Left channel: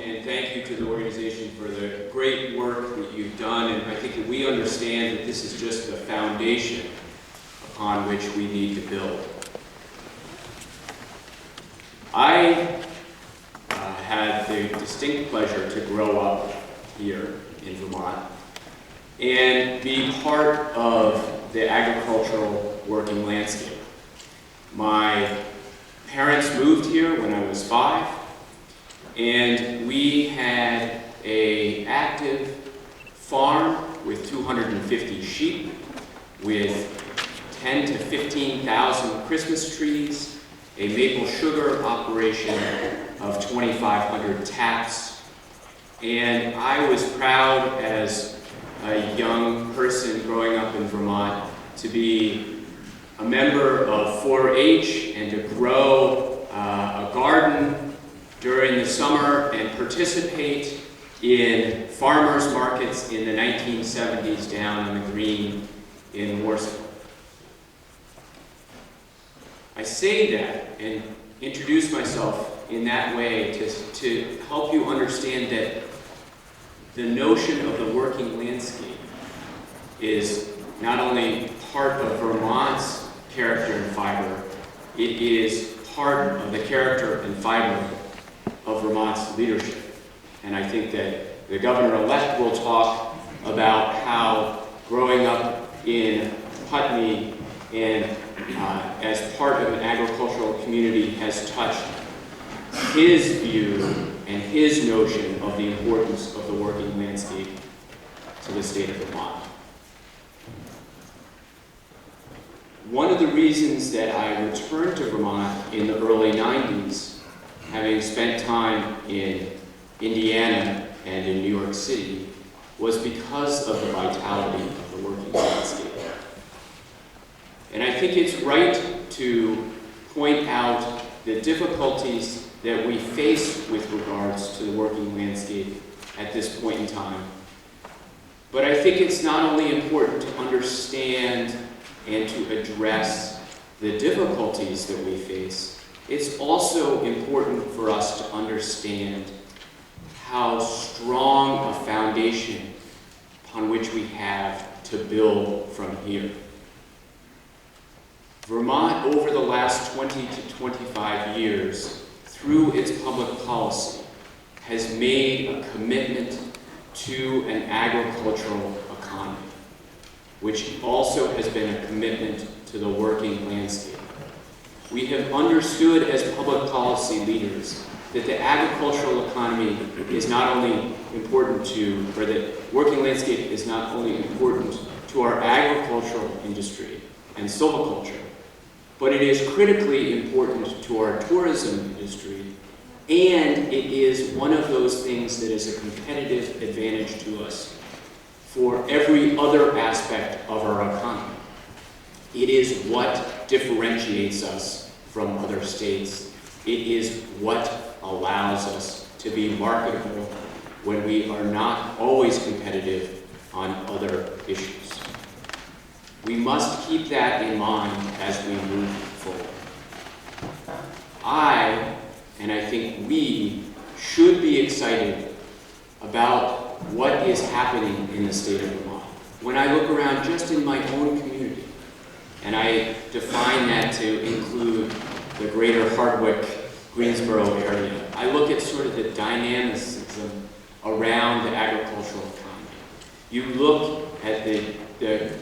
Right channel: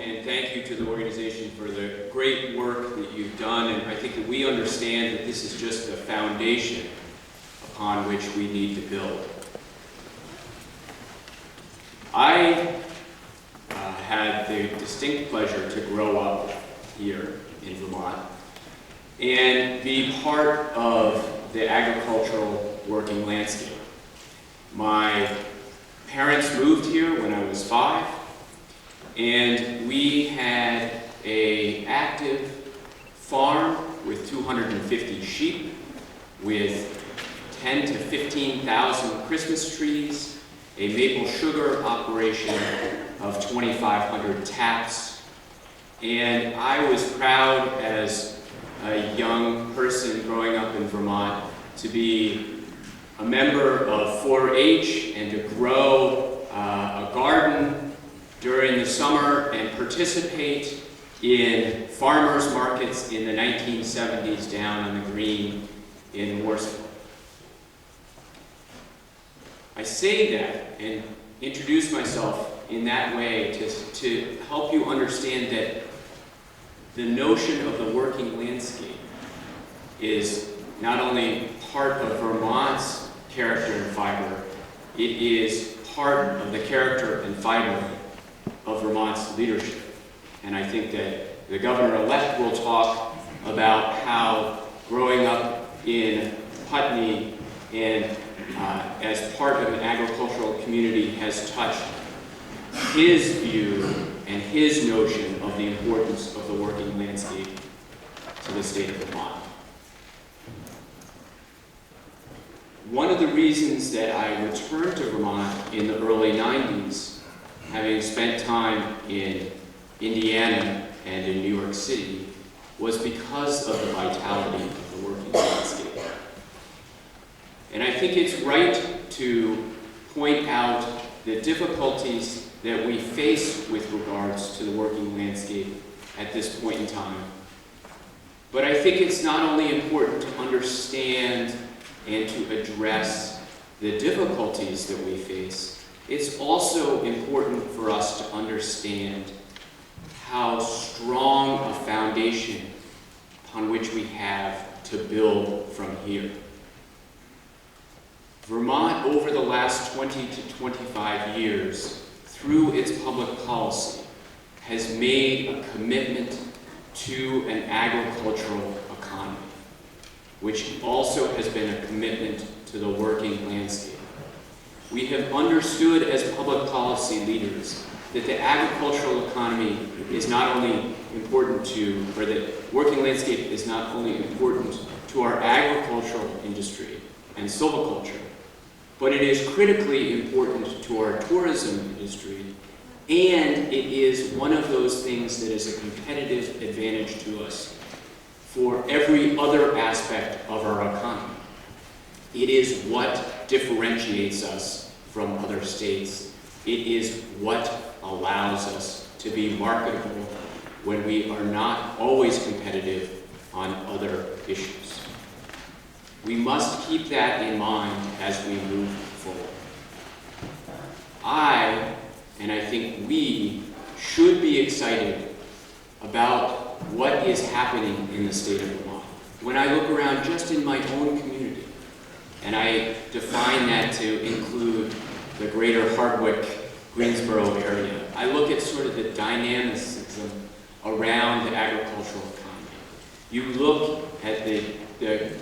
And thank you to the organization for the great work that you've done. And I think that we understand that this is just the foundation upon which we need to build. I had the distinct pleasure to grow up here in Vermont and be part of the agricultural working landscape. My parents moved here when I was 5, and we had an active farm with 250 sheep, with 10 to 15,000 Christmas trees, a maple sugar operation of 2,500 taps, and I was proud as a young person growing up in Vermont to be a member of 4-H and to grow a garden during the summer and participate in farmers markets in the 1970s down on the green in Warsaw. I say that and introduce myself in that way to help you understand that the notion of the working landscape is not only part of Vermont's character and fiber, it is part of the character and fiber of Vermont's leadership. And I think that the governor-elect will talk about how growing up in Putney and as part of an agricultural community has touched his view and his notion of the importance of the working landscape to the state of Vermont. One of the reasons that I returned to Vermont in the early 90s, having spent time in Indiana and in New York City, was because of the vitality of the working landscape. And I think it's right to point out the difficulties that we face with regards to the working landscape at this point in time. But I think it's not only important to understand and to address the difficulties that we face, it's also important for us to understand how strong a foundation upon which we have to build from here. Vermont, over the last 20 to 25 years, through its public policy, has made a commitment to an agricultural economy, which also has been a commitment to the working landscape. We have understood as public policy leaders that the agricultural economy is not only important to, or that working landscape is not only important to our agricultural industry and silviculture, but it is critically important to our tourism industry, and it is one of those things that is a competitive advantage to us for every other aspect of our economy. It is what differentiates us from other states. It is what allows us to be marketable when we are not always competitive on other issues. We must keep that in mind as we move forward. And I think we should be excited about what is happening in the state of Vermont. When I look around just in my own community, and I define that to include the greater Hardwick, Greensboro area, I look at sort of the dynamicism around the agricultural economy. You look at the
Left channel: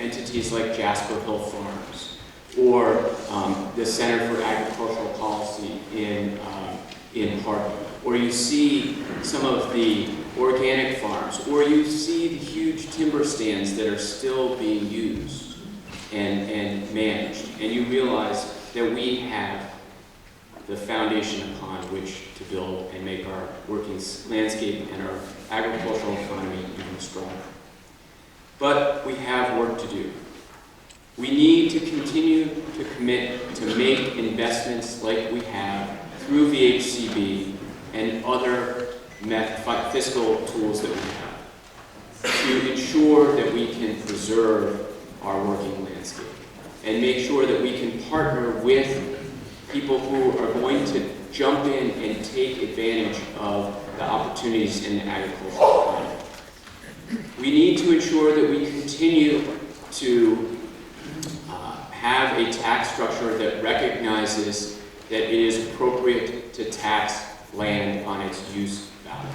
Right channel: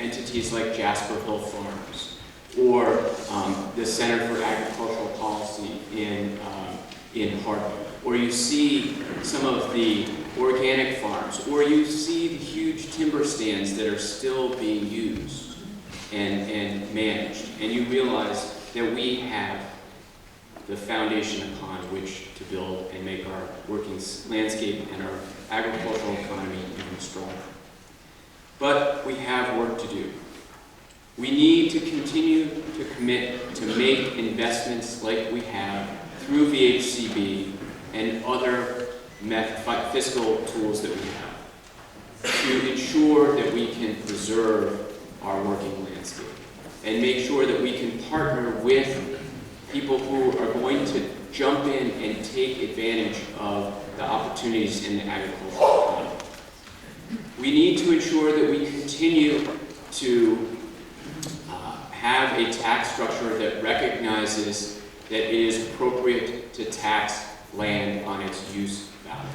entities like Jasper Hill Farms, or the Center for Agricultural Policy in Hardwick, or you see some of the organic farms, or you see the huge timber stands that are still being used and managed, and you realize that we have the foundation upon which to build and make our working landscape and our agricultural economy even stronger. But we have work to do. We need to continue to commit to make investments like we have through VHCB and other fiscal tools that we have to ensure that we can preserve our working landscape and make sure that we can partner with people who are going to jump in and take advantage of the opportunities in the agricultural economy. We need to ensure that we continue to have a tax structure that recognizes that it is appropriate to tax land on its use value.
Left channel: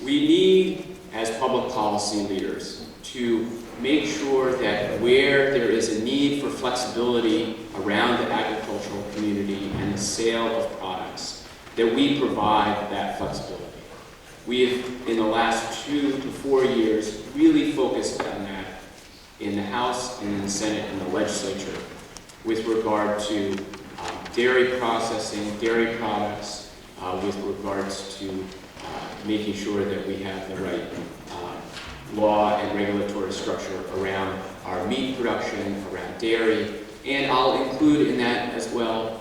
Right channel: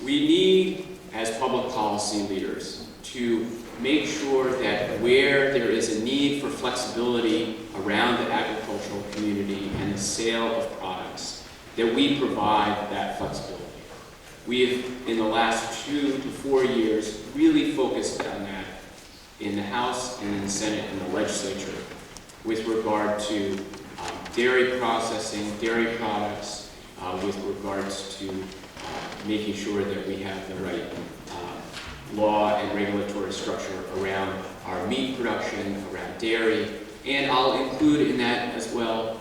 We need, as public policy leaders, to make sure that where there is a need for flexibility around the agricultural community and the sale of products, that we provide that flexibility. We have, in the last 2 to 4 years, really focused on that in the House and in the Senate and the legislature with regard to dairy processing, dairy products, with regards to making sure that we have the right law and regulatory structure around our meat production, around dairy, and I'll include in that as well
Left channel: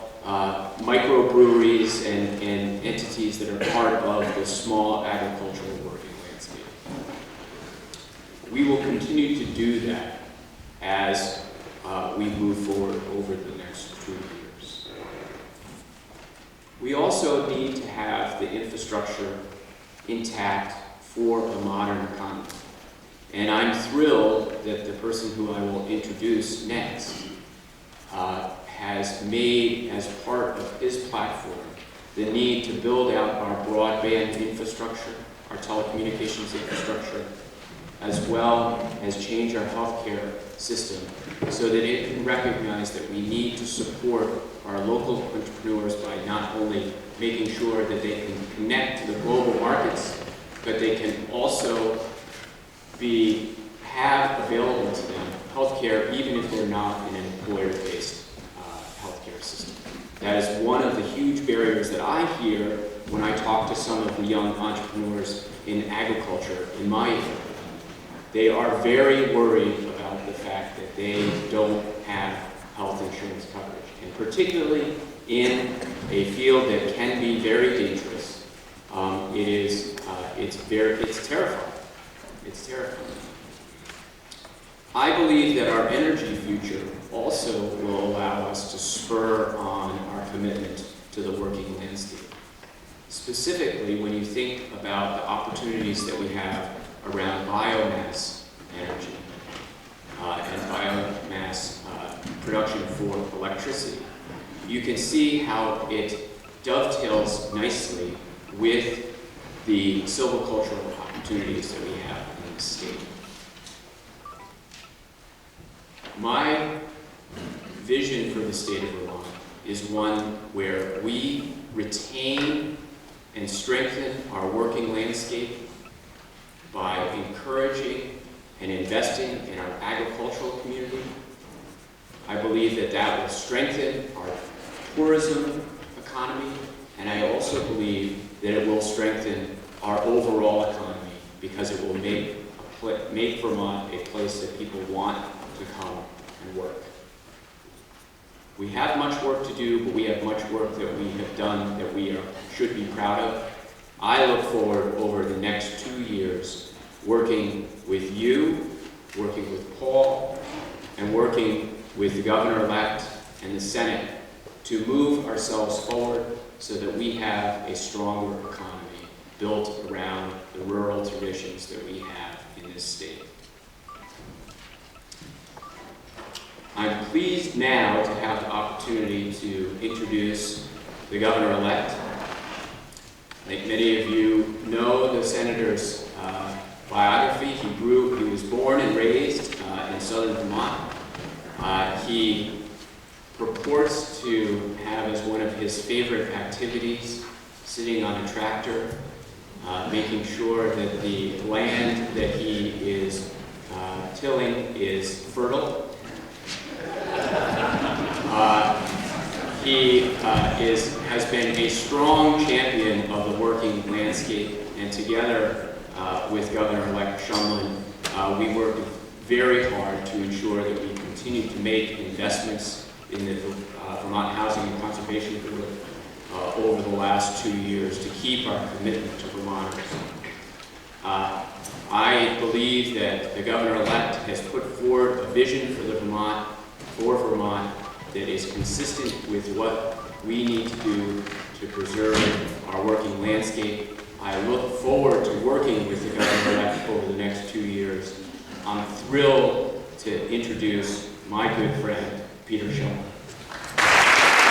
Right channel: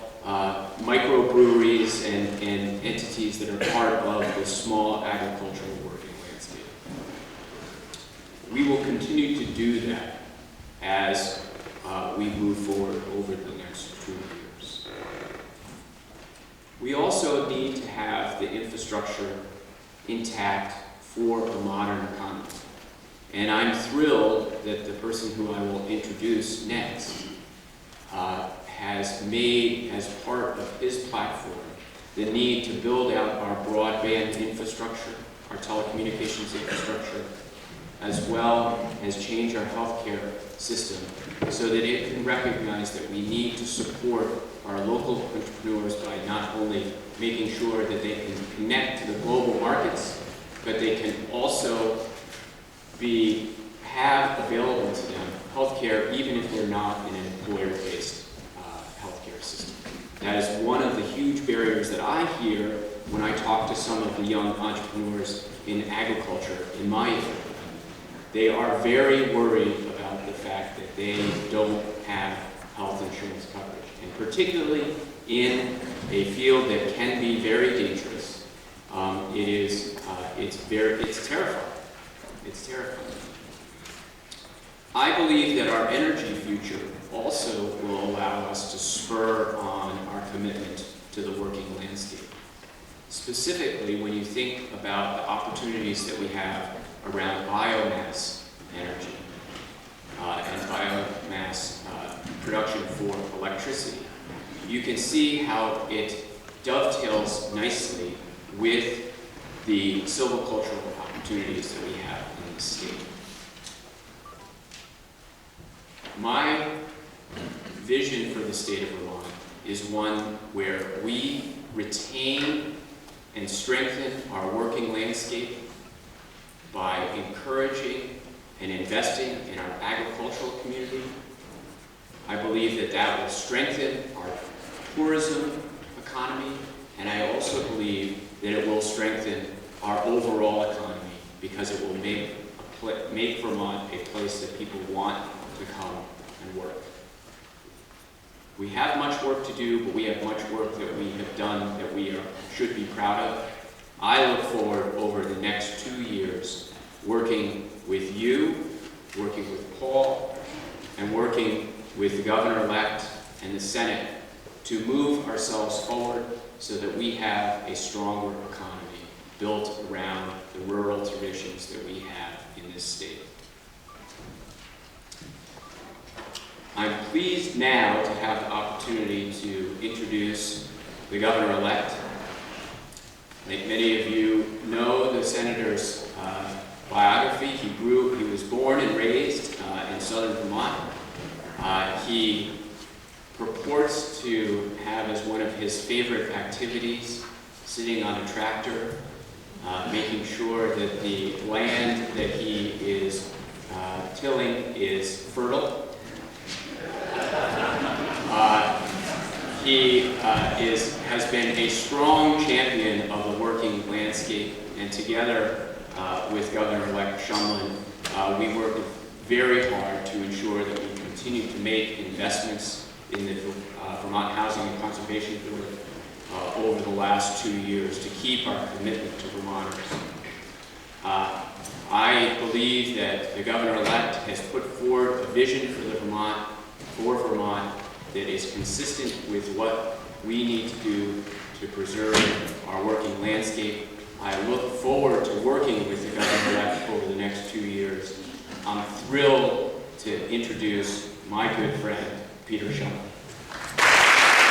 microbreweries and entities that are part of the small agricultural working landscape. We will continue to do that as we move forward over the next 2 years. We also need to have the infrastructure intact for a modern economy. And I'm thrilled that the person who I will introduce next has made as part of his platform the need to build out our broadband infrastructure, our telecommunications infrastructure, as well as change our healthcare system so that it can recognize that we need to support our local entrepreneurs by not only making sure that they can connect to the global markets, but they can also have available to them healthcare even if they're not in an employer-based healthcare system. That is one of the huge barriers that I hear when I talk to some of the young entrepreneurs in agriculture in my area. They are very worried about the fact that they don't have health insurance coverage, and particularly in a field that can be very dangerous. It's terrifying. It's terrifying. I believe that our energy future also will allow us to spur on our commitment to the working landscape. Specifically, when you think about the opportunities that we have around biomass energy and biomass production for electricity, you can see how it dovetails nicely with the silvicultural opportunities that we have in the state. My vision for the state of Vermont is one where we retain and strengthen our working landscape by encouraging and investing in our agricultural community. I believe that that will strengthen our tourism economy, and I also believe that it will strengthen our overall economy because it will make Vermont a place that people want to come and work. We have much work to do, but we have much work that we have done that we should be proud of. I look forward over the next 2 years working with you, working with Paul, and working with the governor-elect and the Senate to move ourselves forward so that we have a stronger economy built around the rural traditions that we have in this state. I'm pleased now to have the opportunity to introduce the governor-elect. I think many of you know the senator's biography. He was born and raised in southern Vermont. He purports to have as one of his favorite activities sitting on a tractor, making sure that the land that he is tilling is fertile. He has been a strong champion of the working landscape, and together with Governor-elect Shumlin, we worked very hard to ensure that we continue to make investments in the Vermont Housing and Conservation Board over the last 2 years to keep our commitment to Vermonters. I believe that the governor-elect has put forward a vision for Vermont that is consistent with what we need to do to preserve our working landscape. I look forward to working with the governor-elect over the next 2 years. I'm thrilled to introduce my good friend, Peter Schellman.